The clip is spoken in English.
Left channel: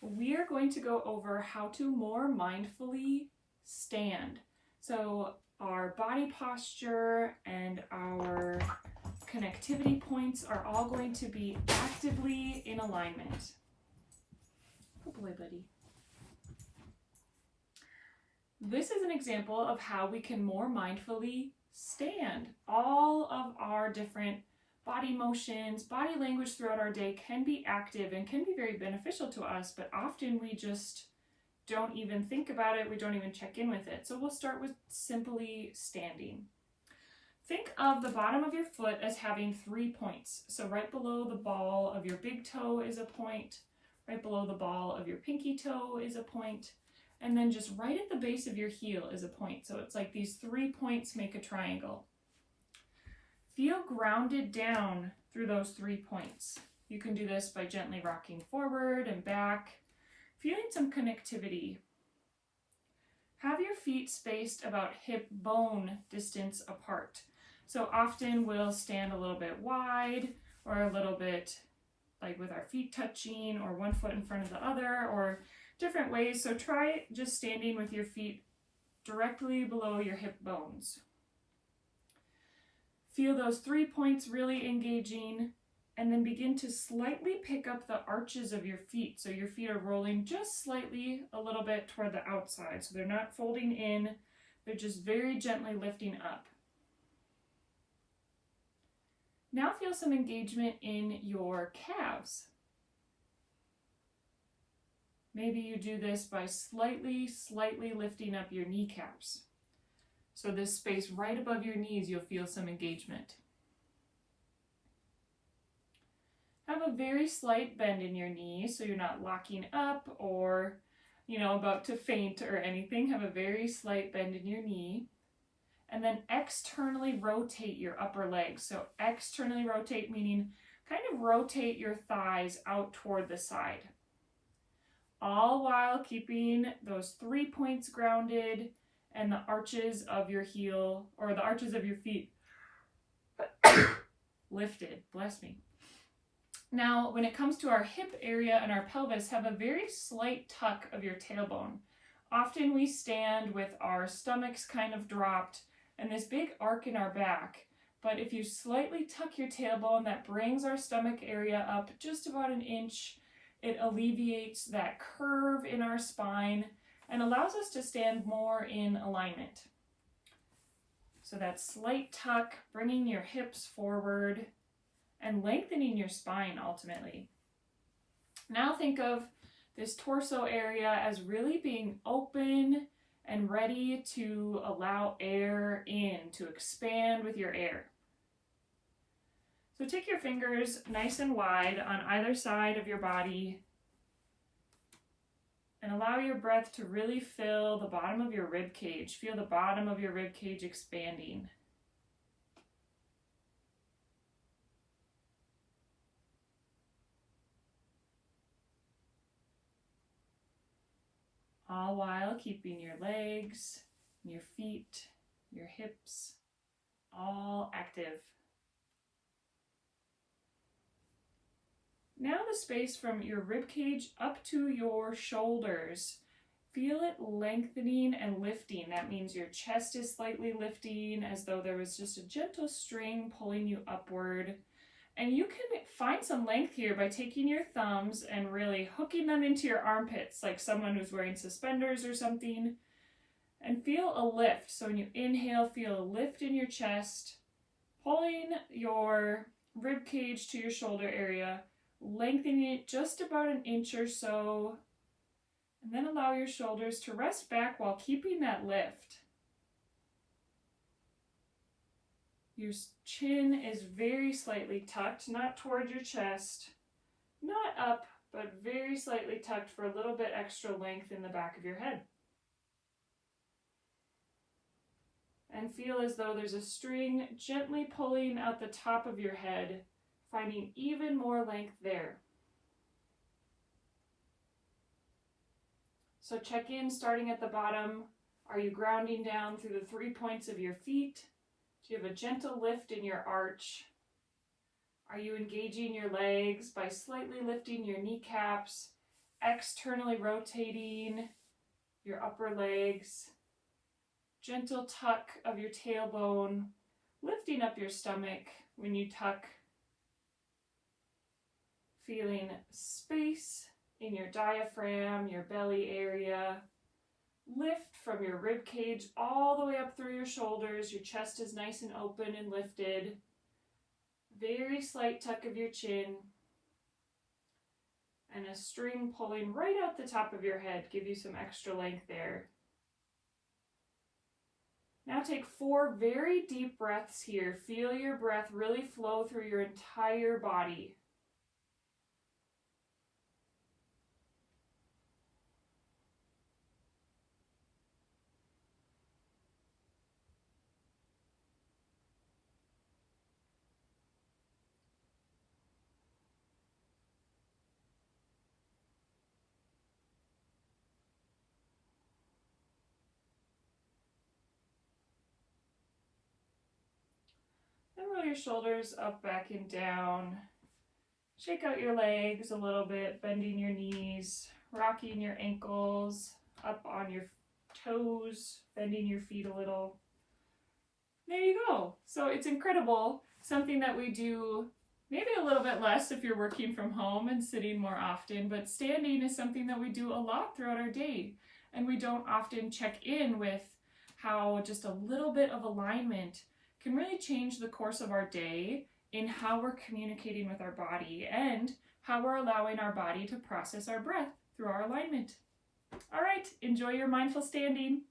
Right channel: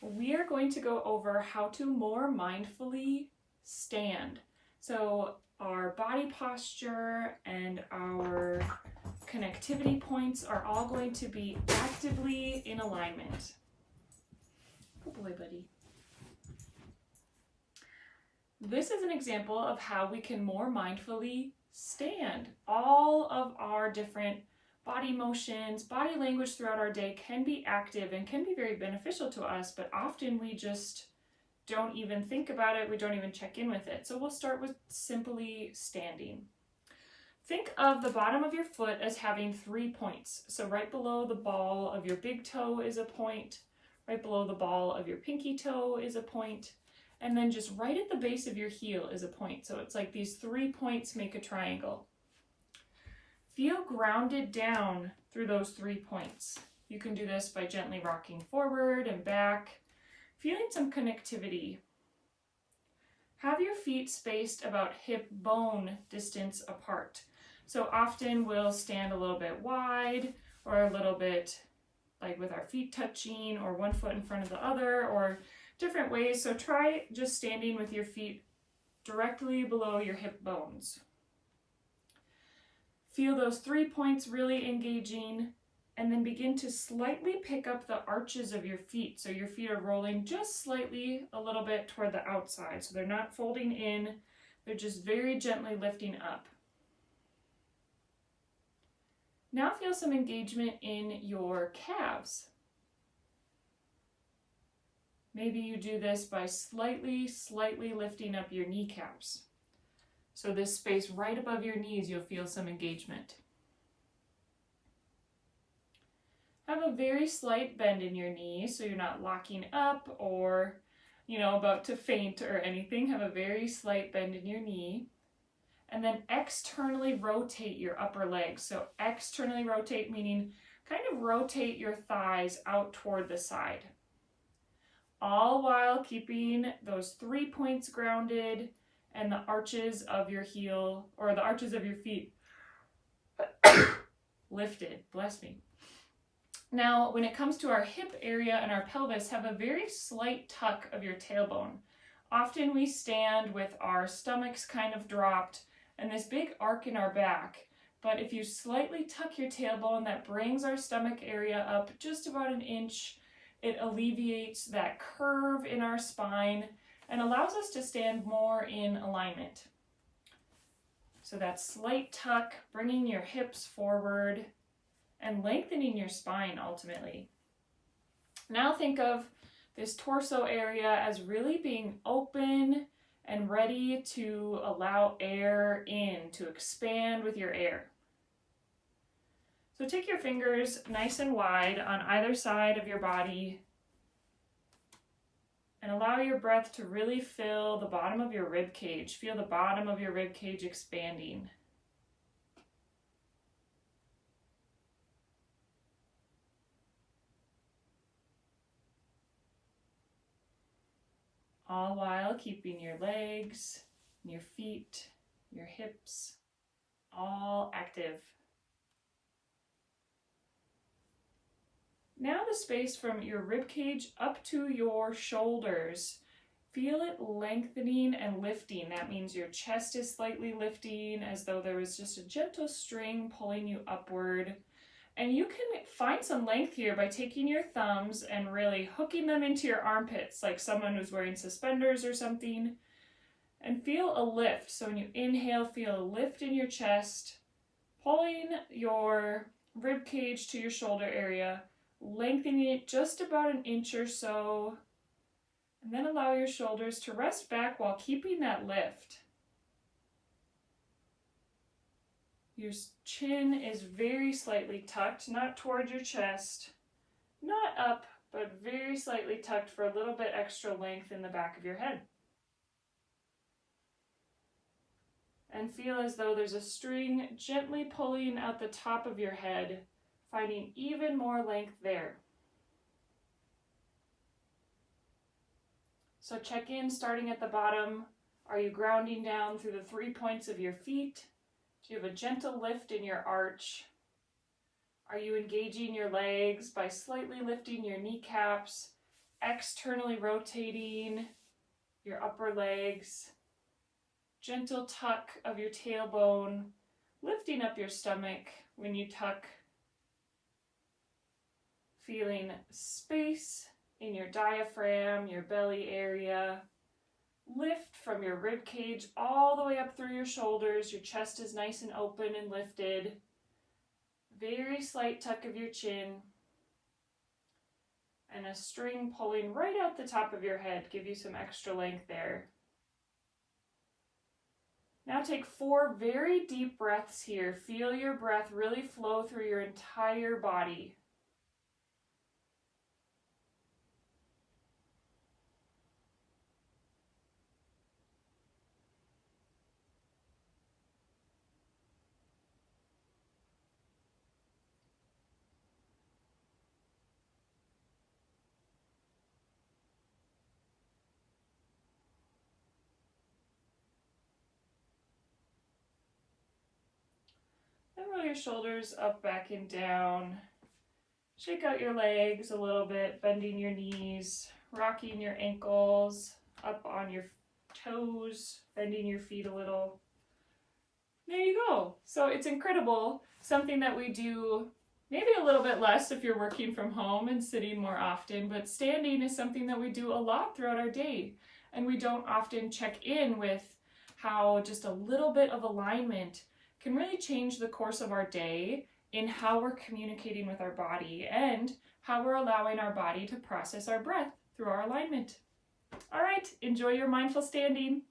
we are going to go over how to more mindfully stand. So our body posture and our connectivity points are all going to be actively in alignment. Good boy, buddy. This is an example of how we can more mindfully stand. All of our different body motions, body language throughout our day can be active and can be very beneficial to us, but often we just don't even think about it. We don't even check in with it. So we'll start with simply standing. Think of the bottom of your foot as having 3 points. So right below the ball of your big toe is a point, right below the ball of your pinky toe is a point, and then just right at the base of your heel is a point. So it's like these 3 points make a triangle. Feel grounded down through those 3 points. You can do this by gently rocking forward and back, feeling some connectivity. Have your feet spaced about hip bone distance apart. So often we'll stand a little bit wide or a little bit like with our feet touching or one foot in front of the other or different ways. So try just standing with your feet directly below your hip bones. Feel those 3 points really engaging, and then begin to slightly pick up the arches of your feet. So your feet are rolling just slightly a little bit toward the outside. So they're not folding in, they're just very gently lifting up. Now feel some engagement in your calves. Maybe you do this by slightly lifting up your kneecaps. So this space right above your knees, you'll feel some engagement. Have a very slight bend in your knee so you're not locking up or, about to faint or anything. Have a very slight bend in your knee. And then externally rotate your upper legs. So externally rotate meaning kind of rotate your thighs out toward the side. All while keeping those 3 points grounded and the arches of your heel or the arches of your feet lifted. Bless me. Now, when it comes to our hip area and our pelvis, have a very slight tuck of your tailbone. Often we stand with our stomachs kind of dropped and this big arc in our back. But if you slightly tuck your tailbone, that brings our stomach area up just about an inch. It alleviates that curve in our spine and allows us to stand more in alignment. So that slight tuck, bringing your hips forward and lengthening your spine ultimately. Now think of this torso area as really being open and ready to allow air in, to expand with your air. So take your fingers nice and wide on either side of your body and allow your breath to really fill the bottom of your rib cage. Feel the bottom of your rib cage expanding. All while keeping your legs, your feet, your hips all active. Now the space from your rib cage up to your shoulders, feel it lengthening and lifting. That means your chest is slightly lifting as though there was just a gentle string pulling you upward. And you can find some length here by taking your thumbs and really hooking them into your armpits like someone who's wearing suspenders or something. And feel a lift. So when you inhale, feel a lift in your chest, pulling your rib cage to your shoulder area, lengthening it just about an inch or so, and then allow your shoulders to rest back while keeping that lift. Your chin is very slightly tucked, not towards your chest, not up, but very slightly tucked for a little bit extra length in the back of your head. And feel as though there's a string gently pulling out the top of your head, finding even more length there. So check in starting at the bottom. Are you grounding down through the 3 points of your feet? Do you have a gentle lift in your arch? Are you engaging your legs by slightly lifting your kneecaps externally rotating your upper legs, gentle tuck of your tailbone, lifting up your stomach when you tuck, feeling space in your diaphragm, your belly area. Lift from your rib cage all the way up through your shoulders. Your chest is nice and open and lifted. Very slight tuck of your chin. And a string pulling right out the top of your head. Give you some extra length there. Now take 4 very deep breaths here. Feel your breath really flow through your entire body. Then roll your shoulders up, back, and down. Shake out your legs a little bit, bending your knees, rocking your ankles, up on your toes, bending your feet a little. There you go. So it's incredible. Something that we do maybe a little bit less if you're working from home and sitting more often, but standing is something that we do a lot throughout our day. And we don't often check in with how just a little bit of alignment can really change the course of our day in how we're communicating with our body and how we're allowing our body to process our breath through our alignment. All right, enjoy your mindful standing.